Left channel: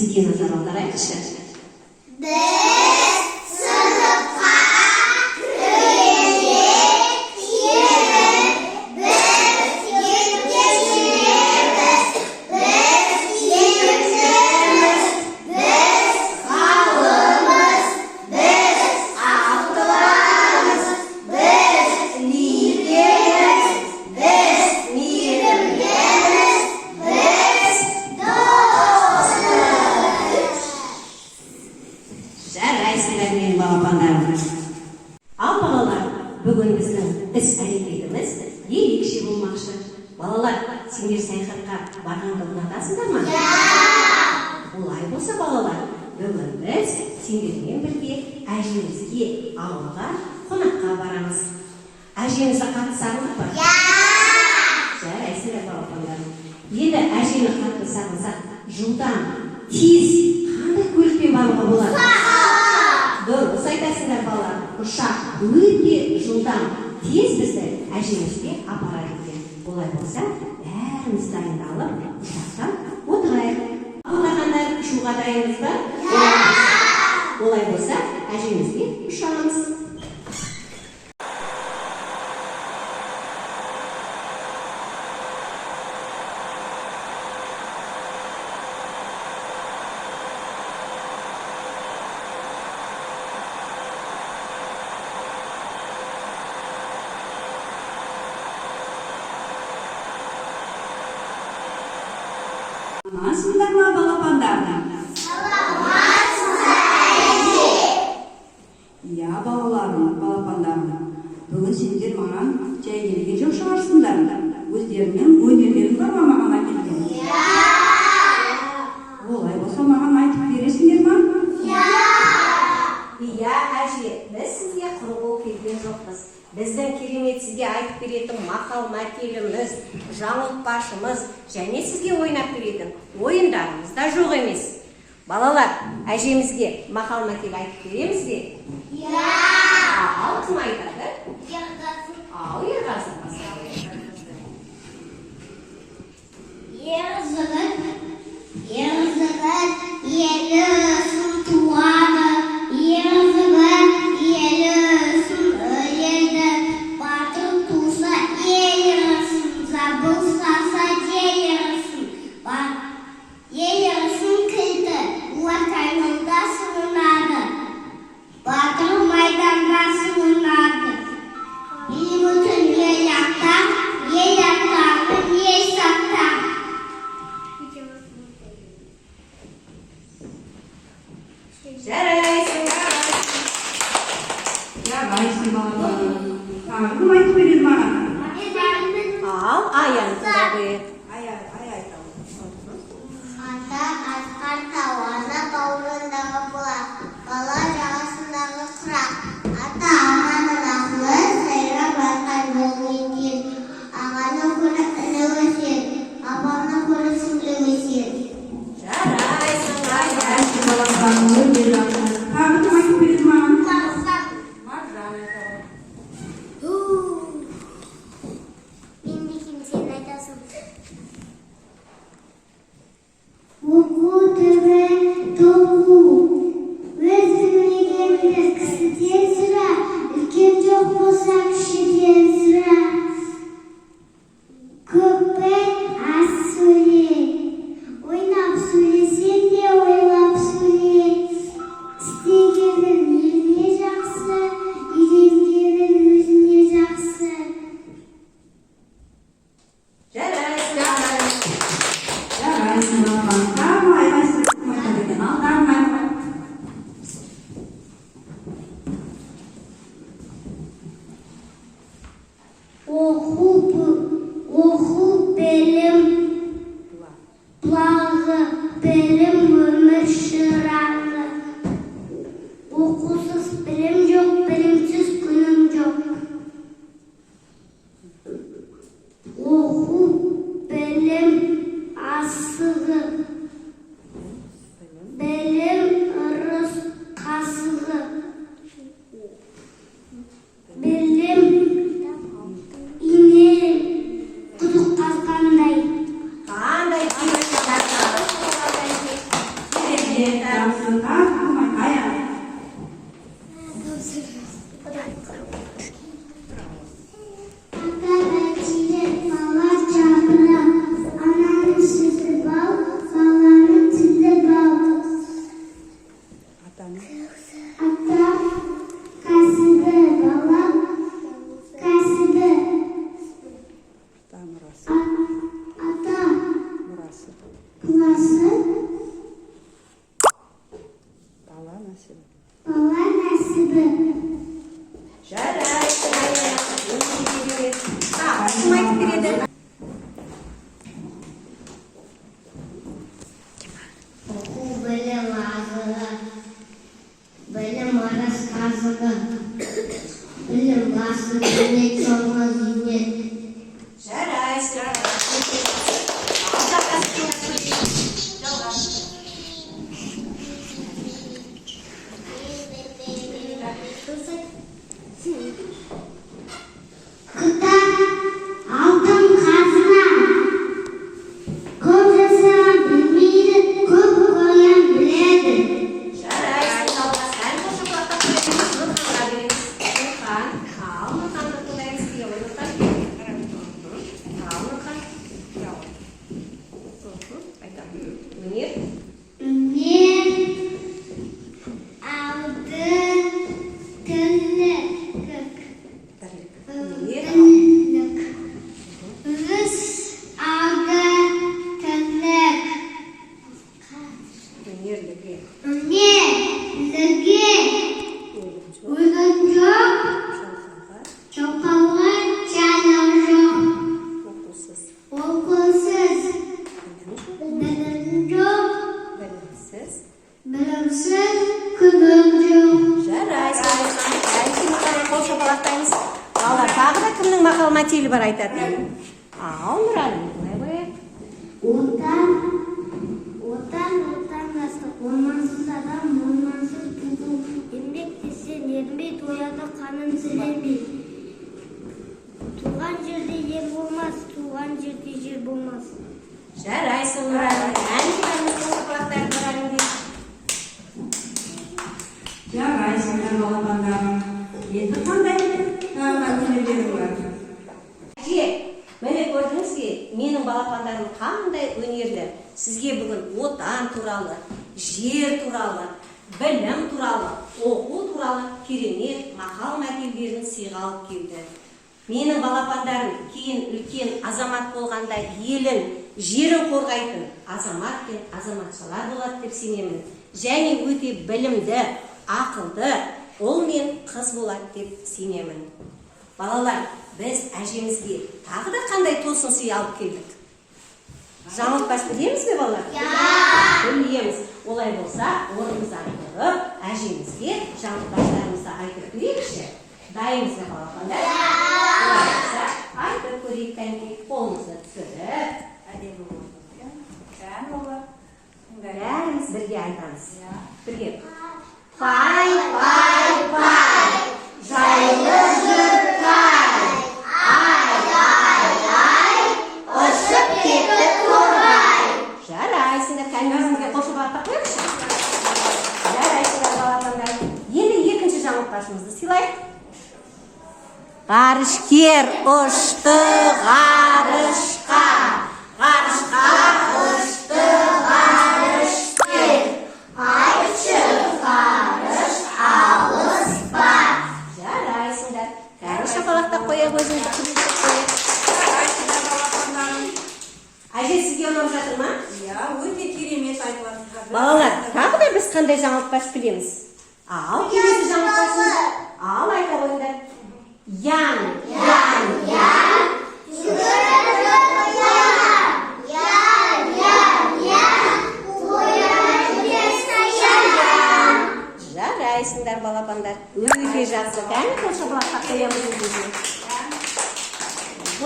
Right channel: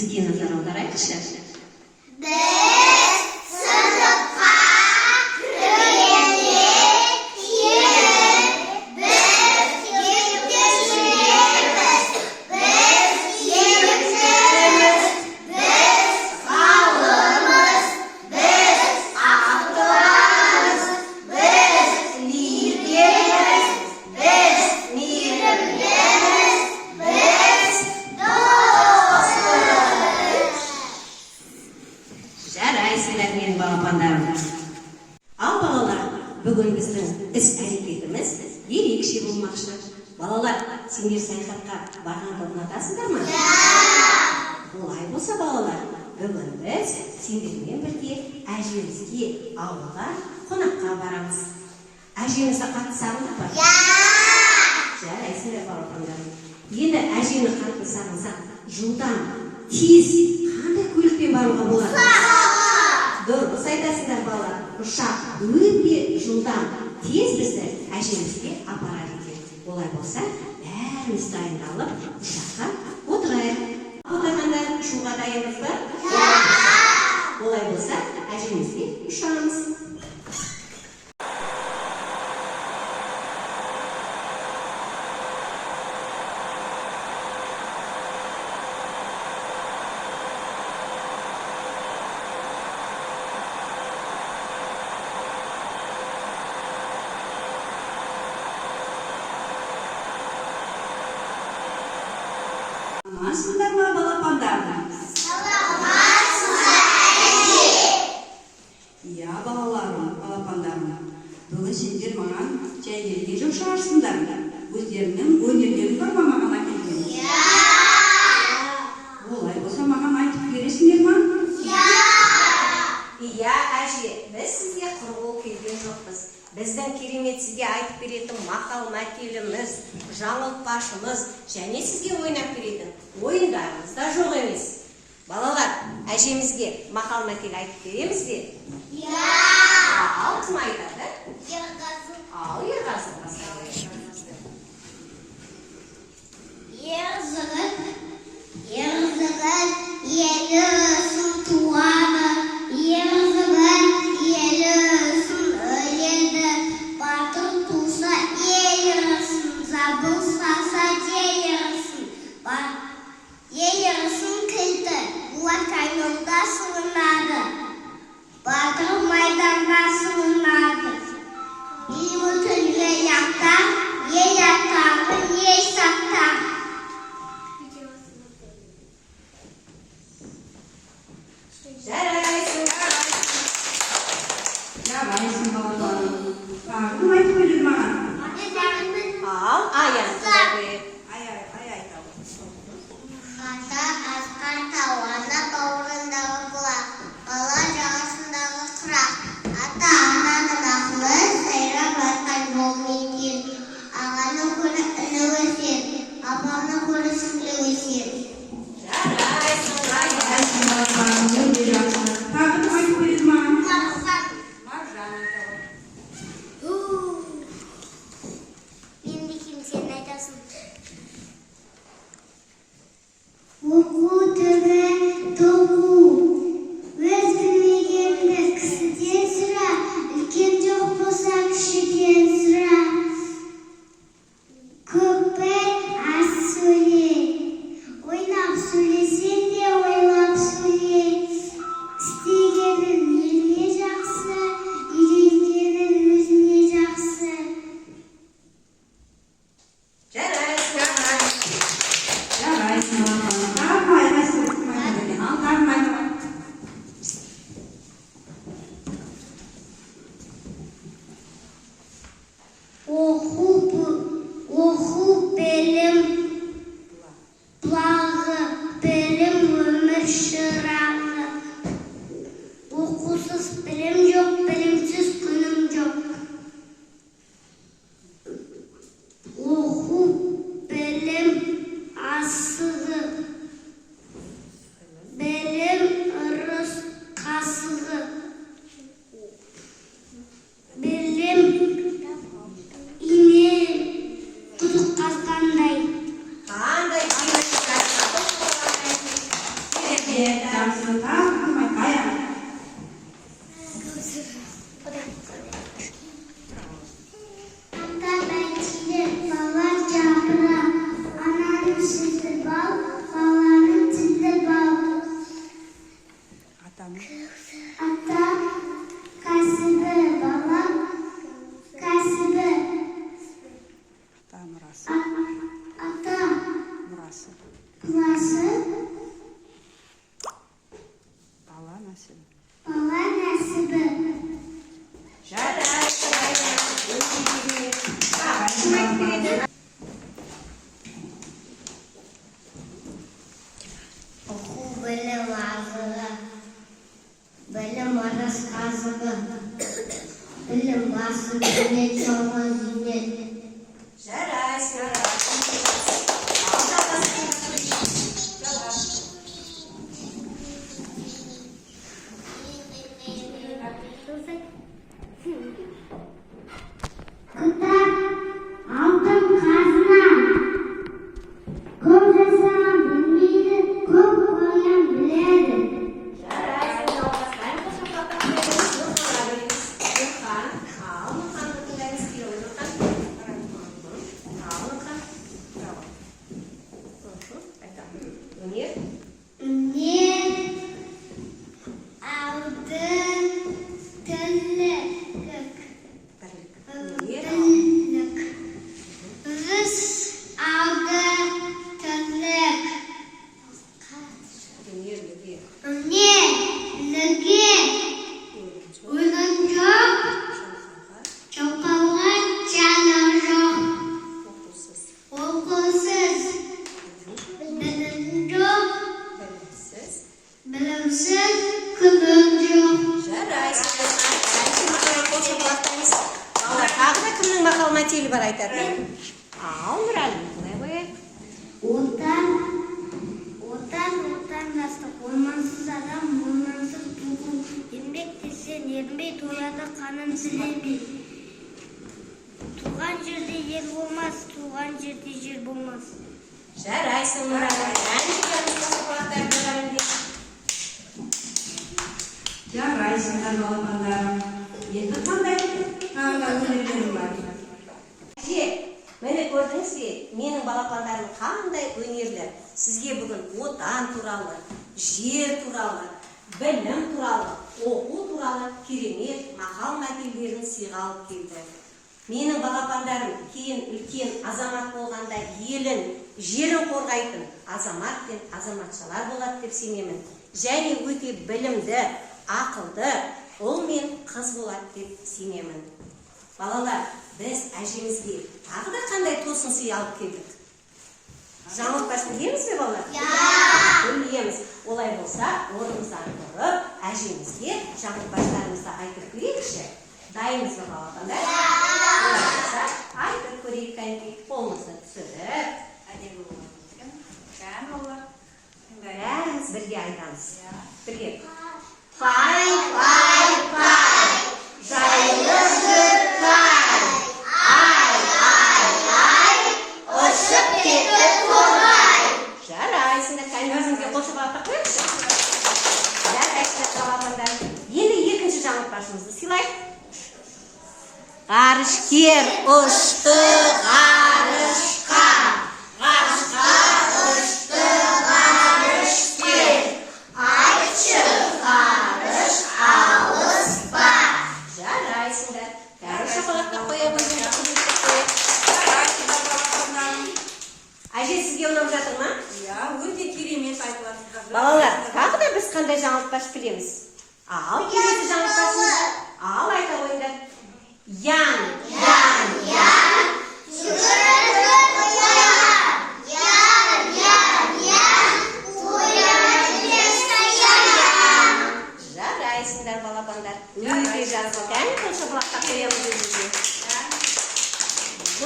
Бізге назар аударайықшы. Жарайсыңдар менің балапандарым. Ал балалар, бүгін біздің іс-әрекетіміз ерекше болмақшы. Балалар, сендер саяхатқа барғанды ұнатасыңдар ма? Олай болса балалар, бүгін біз сендермен бірге әжемізге ауылға қонаққа барамыз. Әжемізді қатты сағындық па? Жарайсыңдар балапандарым. Енді әжені қатты сағынсақ, жылдам, тез қандай көлікпен баруға болады? Дұрыс айтасыңдар балалар. Ұшақ өте жылдам, тез бізді әжемізге апарады екен. Олай болса, бәріміз дайындалып, ұшаққа отырайық. Балапандар, ұшуға дайынбыз ба? Олай болса, әжемізге ұшамыз. Саламатсыздар ма, балапандар? Иә, балапандарым. Бүгін сендер маған жай келген жоқ шығарсыңдар. Өздерінің өнерлерін бар ма маған әкелген? Олай болса маған айтып бересіңдер ма? Иә, әже, біз сізге құр болып келген жоқпыз. Біздің керемет сізге айтып беретін мақал-мәтеліміз, жаңылтпашымыз және сізге ойнап беретін ойындарымыз да жоқ емес. Балалар, әжемізге мақал-мәтел айтып береміз бе? Ал, кім айтады? Ал, Ерғазы. Елі ұсын туады, елі ұсын өледі, батыр туса елі ұсын, забылса елі ұсын, елі ұсын кілді, олар қайныңда сығынады, батыр майданда сығынады, ел түнге яқтар, ел аттағын ел саттар. Жарайсыңдар. Жарайсың, балапандарым. Кім айтып береді маған? Ал, аянтыда бер. Ай айтамын. Ата асқар тауана тауындағы бұлақ, бала жағасындағы құрақ. Ата ананың ақылы сайрап айтқан жолмен кел. Ағаның көрі іні өсер, апаның көрі сіңлі өсер. Жарайсыңдар. Балапандарым, өте жақсы. Тағы кім айтып береді маған? Маржан енді кім сен айтасың? жарысын айтайық. Ата бәйтерек, бала жапырақ, ананың сүті бал, баланың тілі бал. Ата кәсібі, бала кәсібі. Ата пласы, бала нәсібі. Жарайсың, Айна. Өте керемет. Кім айтып береді? Оқу білім азығы, білім арас қазығы, білім басы зейнет, жолға зейнет. Жарайсың, Айна. Кітап алтын қазына, көп жасаған білмейді, көп қоян біледі. Жарайсың, Алғас. Ән қошақлата қоямыз. Нұрханға береміз. Нұрхан. Ал, Нұрханды тыңдаймыз. Күйеуі Нұрхан. Ал, Нұрхан. Айта. Өнер. Өнер, алды, тілік, Өнер. бірлік. Үріс, алды, тілік. Өнерлігі. Өнерлігі, өлген жоқ, жалқауға жаны жоқ. Оқусыз. Оқусыз, білім жоқ, Білімсіз. білімсіз, күнім жоқ. Жарайсың, Нұрхан. Әншіні қарай қол шапалақтаймыз. Балалар, тағы да кімнің мақал мәтелі бар айтатын? Ал, Нұрәлім, қалай қояйық? Отандастық, ормансыз адам, ормансыз туғын. Еңбек десең, ерінбей тояды қанын сілемей. Туған жерде ер болмас, туған жерде жер болмас. Жарайсың, Нұрәлім. Әншілеріміз қол шапалақтайды, Нұрәлімге. Жарайсыңдар балапандарым. Енді қандай өнерлерің бар? Әже, міне көрдіңіз бе, менің балапандарым қандай өнерлі. Сізге бүгін отан туралы, жер туралы, білім туралы, оқу туралы керемет мақал мәтелдерін сыйға алып келді. Менің балапандарым кейін үлкен азамат болғанда елін, жерін қорғайтын азамат пен азаматшалар болады деп сенемін. Және өте білімді, ақылды, ұл мен қыз болады деп сенемін. Балалар, біз әжемізге тағы да қандай тосын сый алып келдік? Жаңылтпаш білеміз бе, балалар? Білеміз. Олай болса, орнымыздан тұрып, әжемізге жаңылтпаштарымызды айтып берейікші. Дайынбыз бе, балапандар? Олай болса, айтып көрейік, кәнекей, қолымызды түсіріп. Әдемі болады екен. Кән олар. Бәріміз бірге айтамыз. Бірге. Пай, пай, пай, жайлы жүр пай. Ай, ұшып кетті торғай. Жарайсыңдар, кәнекейге қол шапалақтап қояйықшы. Жарайсыңдар, балапандар. Енді екінші жаңылтпашымызды сыйлайық. Ғарышкер ұшты ғарышқа, ғарышқа ұшты ғарышкер. Айтшы ғарыш алыспа. Жарайсыңдар. Қол шапалақтап қояйық, өзімізді күлімдеп қояйық. Жарайсыңдар балапандарым. Әже, сізге ұнап жатыр ма? Иә, өте керемет айтып жатырсыздар. Балалар, тағы да біз қандай жаңылтпаш білеміз? Ал, келесі жаңылтпашымыз. Ал, айта қойыңдар. Ян. Жүгіріп оян. Ян. Оянып ешқашан. Жарайсыңдар, балапандар. Өте жақсы. Кәне қол шапалақтап қоямыз өзімізге.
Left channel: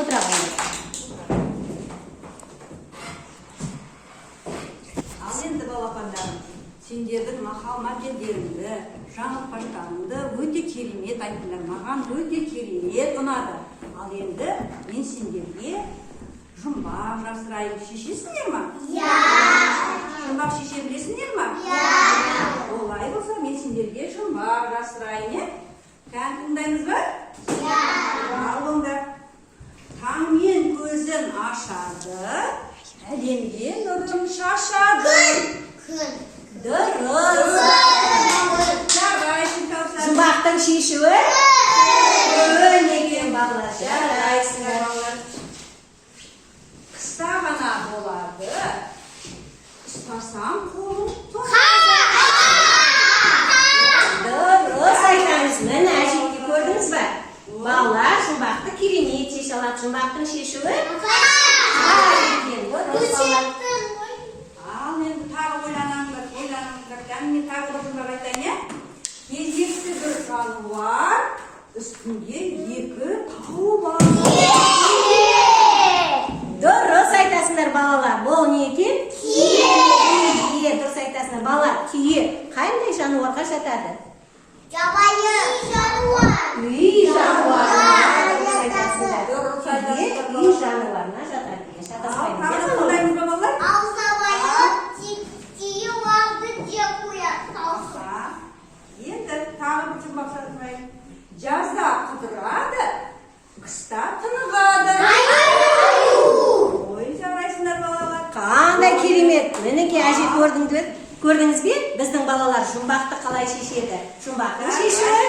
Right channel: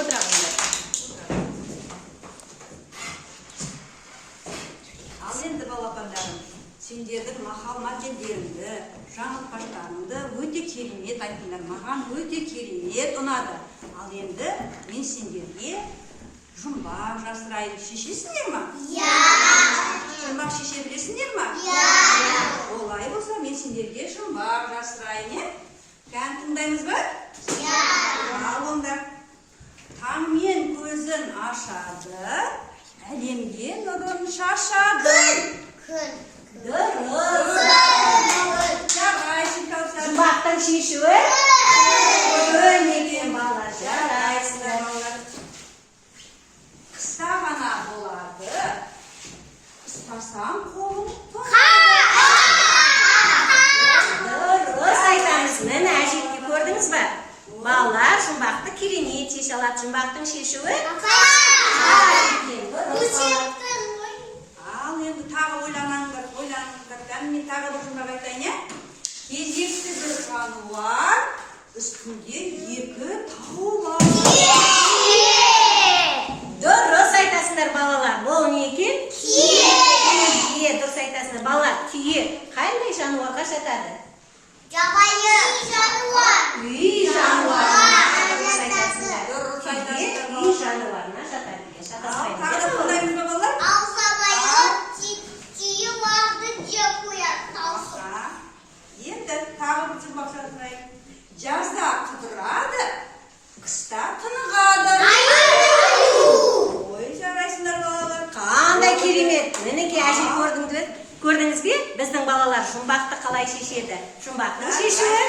Отыра қойыңдар. Ал енді балапандарым, сендердің мақал мәтелдеріңді, жаңылтпаштарыңды өте керемет айттыңдар. Маған өте керемет ұнады. Ал енді мен сендерге жұмбақ жасырайын. Шешесіңдер ма? Иә. Жұмбақ шеше білесіңдер ма? Олай болса, мен сендерге жұмбақ жасырайын, е? Кән тыңдаймыз ба? Ал онда. Таңмен көзін ашады, әлемге нұрын шашады. Дұрыс. Жарайсың, Кәусар. Жұмбақтың шешуі? Күн екен балалар, жарайсыңдар олар. Қыста ғана болады. Ұстасаң қолың тоқ. Дұрыс айтамыз. Міне әжетке көрдіңіз ба? Балалар жұмбақты керемет шеше алады. Жұмбақтың шешуі? Ал енді тағы ойланыңдар. Мен тағы бір жұмбақ айтайын, е? Кезекті бір жануар, үстінде екі тау бар. Дұрыс айтасыңдар балалар. Бұл не екен? Кие. Дұрыс айтасыңдар. Балалар, кие қандай жануарға жатады? Үй жануарына. Дұрыс айтасыңдар. Кие үй жануарына жатады. Шатаспаймыз, Тағы иә, тыңдаймыз ба, балалар? Енді тағы бір жұмбақ айтайын. Жазда құтырады, қыста тынығады. Ой, жарайсыңдар балалар. Қандай керемет. Мінекей әже көрдіңіз бе? Біздің балалар жұмбақты қалай шешеді? Жұмбақтың шешуі?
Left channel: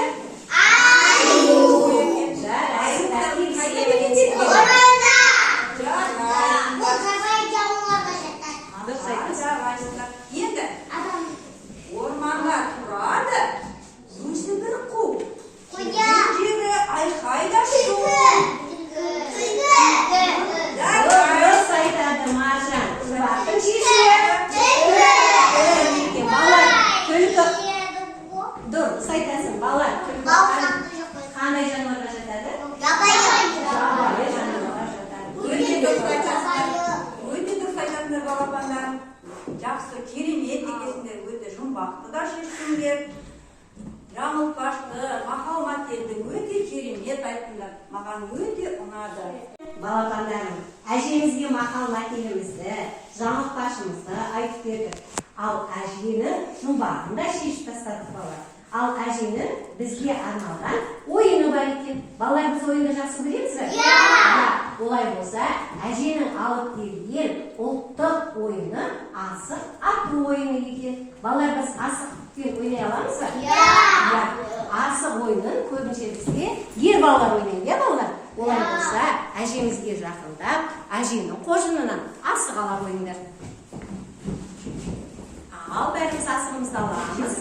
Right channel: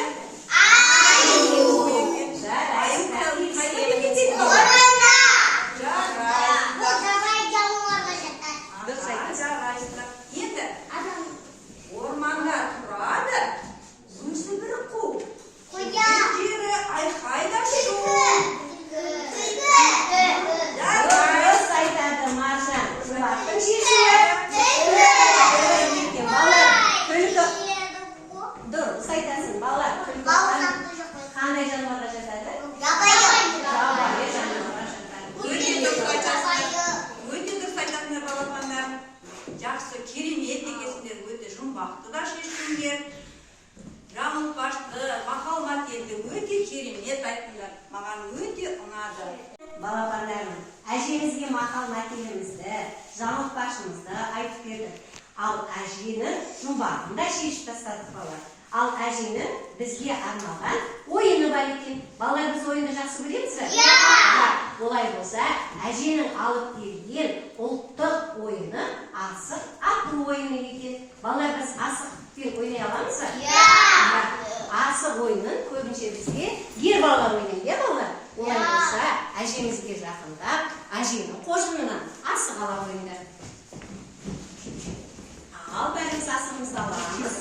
Жарайсыңдар. Енді орманда тұрады, өзі бір қу. Жері айқайда шу. Дұрыс айтады Маржан. Жұмбақтың шешуі? Балалар, күлкі. Дұрыс айтасың. Балалар, күлкі. Қандай жануарға жатады? Жабайы жануарға жатады. Өте дұрыс айтасыңдар балапандар. Жақсы, керемет екесіңдер, өте жұмбақты да шештіңдер. Жаңылтпашты, мақал-мәтелді өте керемет айттыңдар. Маған өте ұнады. Балапандарым, әжемізге мақал-мәтелімізді, жаңылтпашымызды айтып бердік. Ал әжені жұмбағын да шешіп тастадық балалар. Ал әженің бізге арналған ойыны бар екен. Балалар, біз ойынды жақсы көреміз бе? Олай болса, әженің алып берген ұлттық ойыны асық ату ойыны екен. Балалар, біз асықпен ойнай аламыз ба? Асық ойынын көбінше бізге ер балалар ойнайды, балалар. Олай болса, әжемізге жақындап, әженің қожынынан асық ала қойыңдар. Ал бәріміз асығымызды аламыз.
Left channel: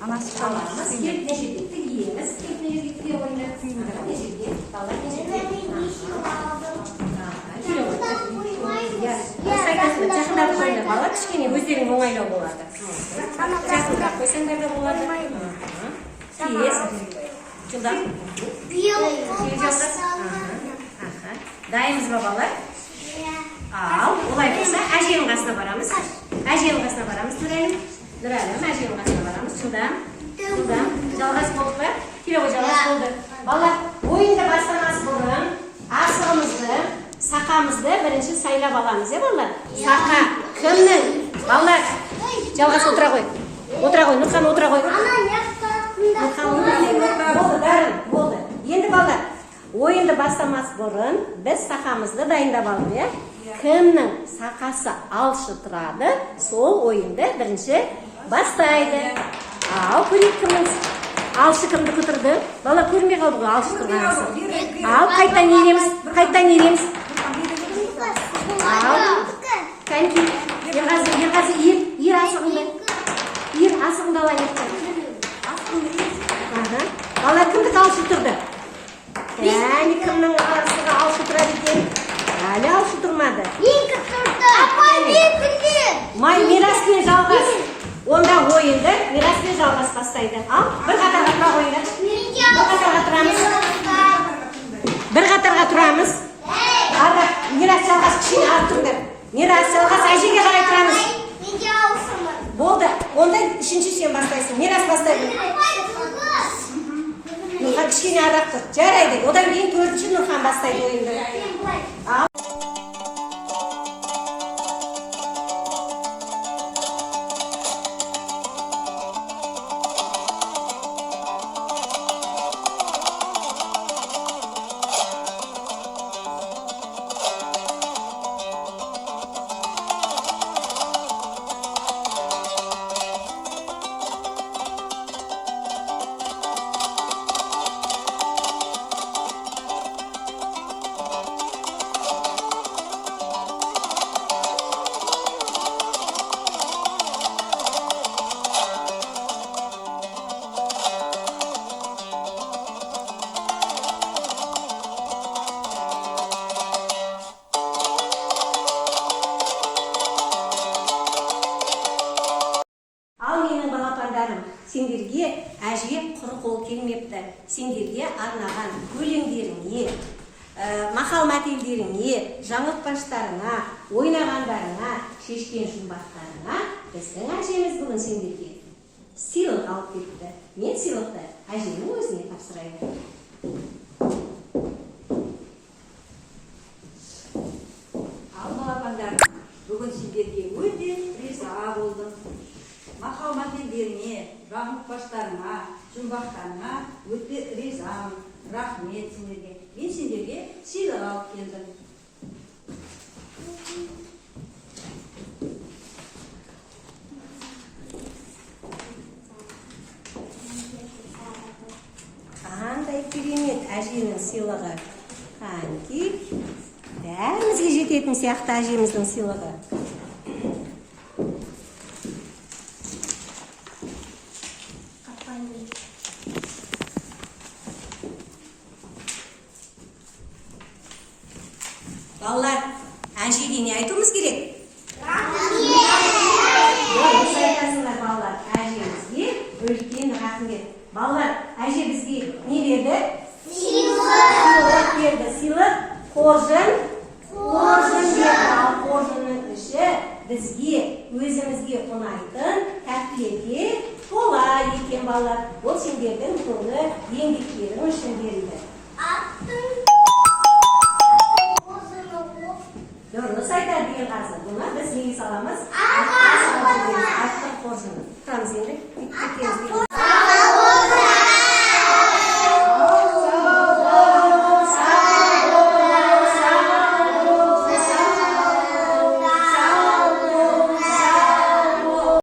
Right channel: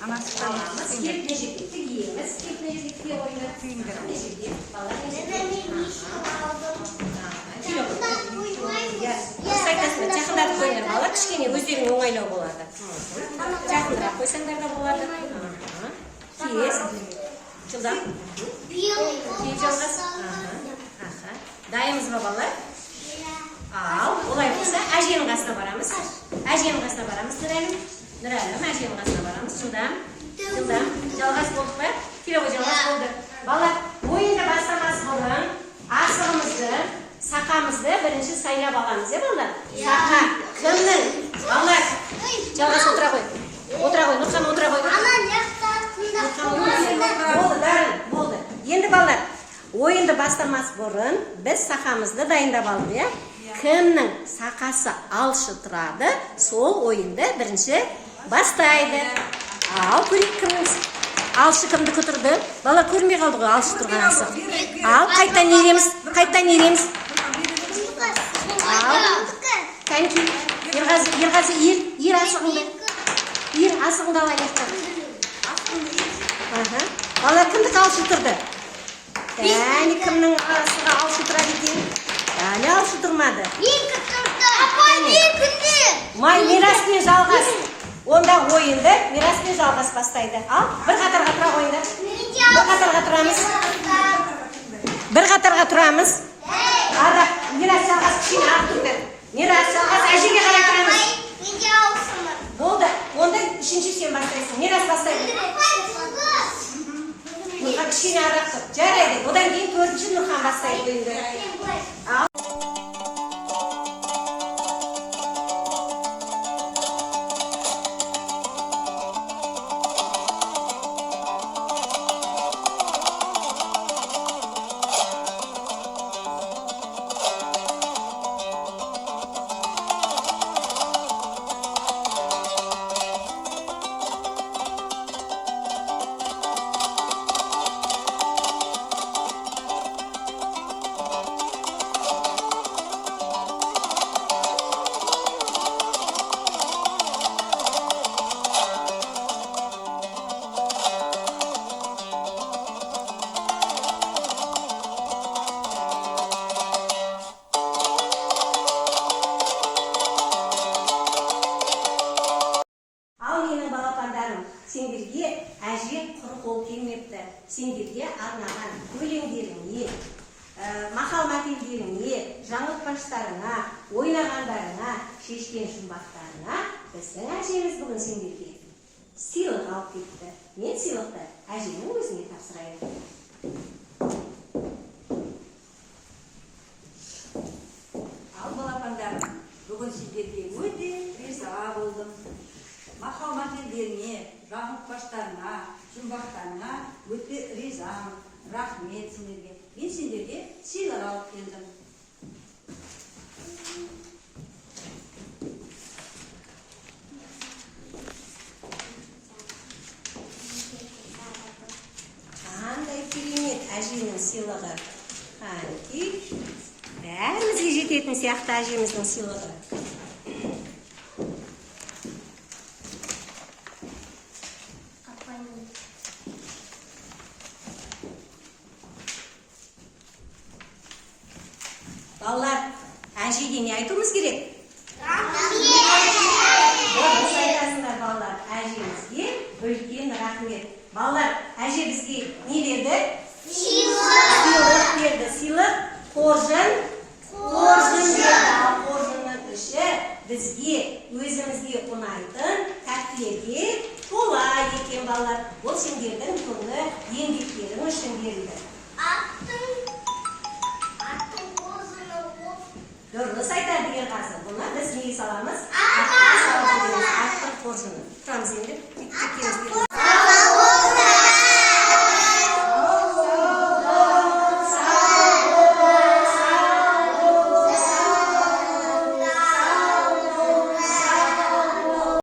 Аламыз, кепіне жетекті еңіз, кепіне жетекте ойнап күйіндір. Не жерде? Балалар не жерде? Жақындап қойыңдар, балалар кішкене өздерің оңайлау болады. Жақындап қойсаңдар да болады. Тез. Жылдам. Дайынбыз ба, балалар? Ал, олай болса, әженің қасына барамыз. Әженің қасына барамыз, Нұрәлім. Нұрәлім, әженің қасына барамыз. Жылдам. Жалғас болды ба? Келе ғой, жалғас болды. Балалар, ойынды бастамас бұрын асығымызды, сақамызды бірінші сайлап аламыз, балалар? Сақа, кімнің? Балалар, жалғас отыра қой. Нұрхан отыра қой. Болды, дарын, болды. Енді балалар, ойынды бастамас бұрын біз сақамызды дайындап алып, е? Кімнің сақасы алшы тұрады, сол ойынды бірінші бастайды. Ал, көрейік кімнің алшы кімді күтірді? Балалар, көрмей қалды ғой алшы тұрған асы. Ал, қайттан ереміз. Кәнки, ерғазы, ер асығыңды. Ер асығыңды алайын. Балалар, кімді алшы тұрды? Кәне, кімнің асыға алшы тұрады екен? Әлі алшы тұрмады. Май, мираспен жалғас. Онда ойынды мираспен жалғас бастайды. Ал, бір қатарға тұра қойыңдар. Бір қатарға тұрамыз. Арақ, мирас жалғас кішіне ап тұрды. Мирас жалғас әжеге қарай тұрамыз. Болды, онда үшінші сен бастайсың. Мирас бастайды. Нұрхан кішкене арақ тұр. Жарайды. Одан кейін төртінші Нұрхан бастайды ойынды. сендерге әже құр қол келмепті. Сендерге арнаған өлеңдеріңе, мақал мәтелдеріңе, жаңылтпаштарыңа, ойнағандарыңа, шешкен жұмбақтарыңа біздің әжеміз бүгін сендерге сыйлық алып кетті. Мен сыйлықты әжемнің өзіне тапсырайын. Ал балапандар, бүгін сендерге өте риза болдым. Мақал мәтелдеріңе, жаңылтпаштарыңа, жұмбақтарыңа өте ризамын. Рахмет сендерге. Мен сендерге сыйлық алып келдім. Қандай керемет әженің сыйлығы. Қанти. Бәрімізге жететін сияқты әжеміздің сыйлығы. Балалар, әжеге не айтуымыз керек? Дұрыс айтасыңдар балалар, әжемізге үлкен рахмет. Балалар, әже бізге не берді? Сыйлық берді. Сыйлық қоржын берді. Қоржынның іші бізге, өзімізге ұнайтын тәттілерге тола екен балалар. Ол сендердің толы еңбектерің үшін берілді. Дұрыс айтады Ерғазы. Бұны біз неге саламыз? Аттың қоржыны. Тұрамыз енді.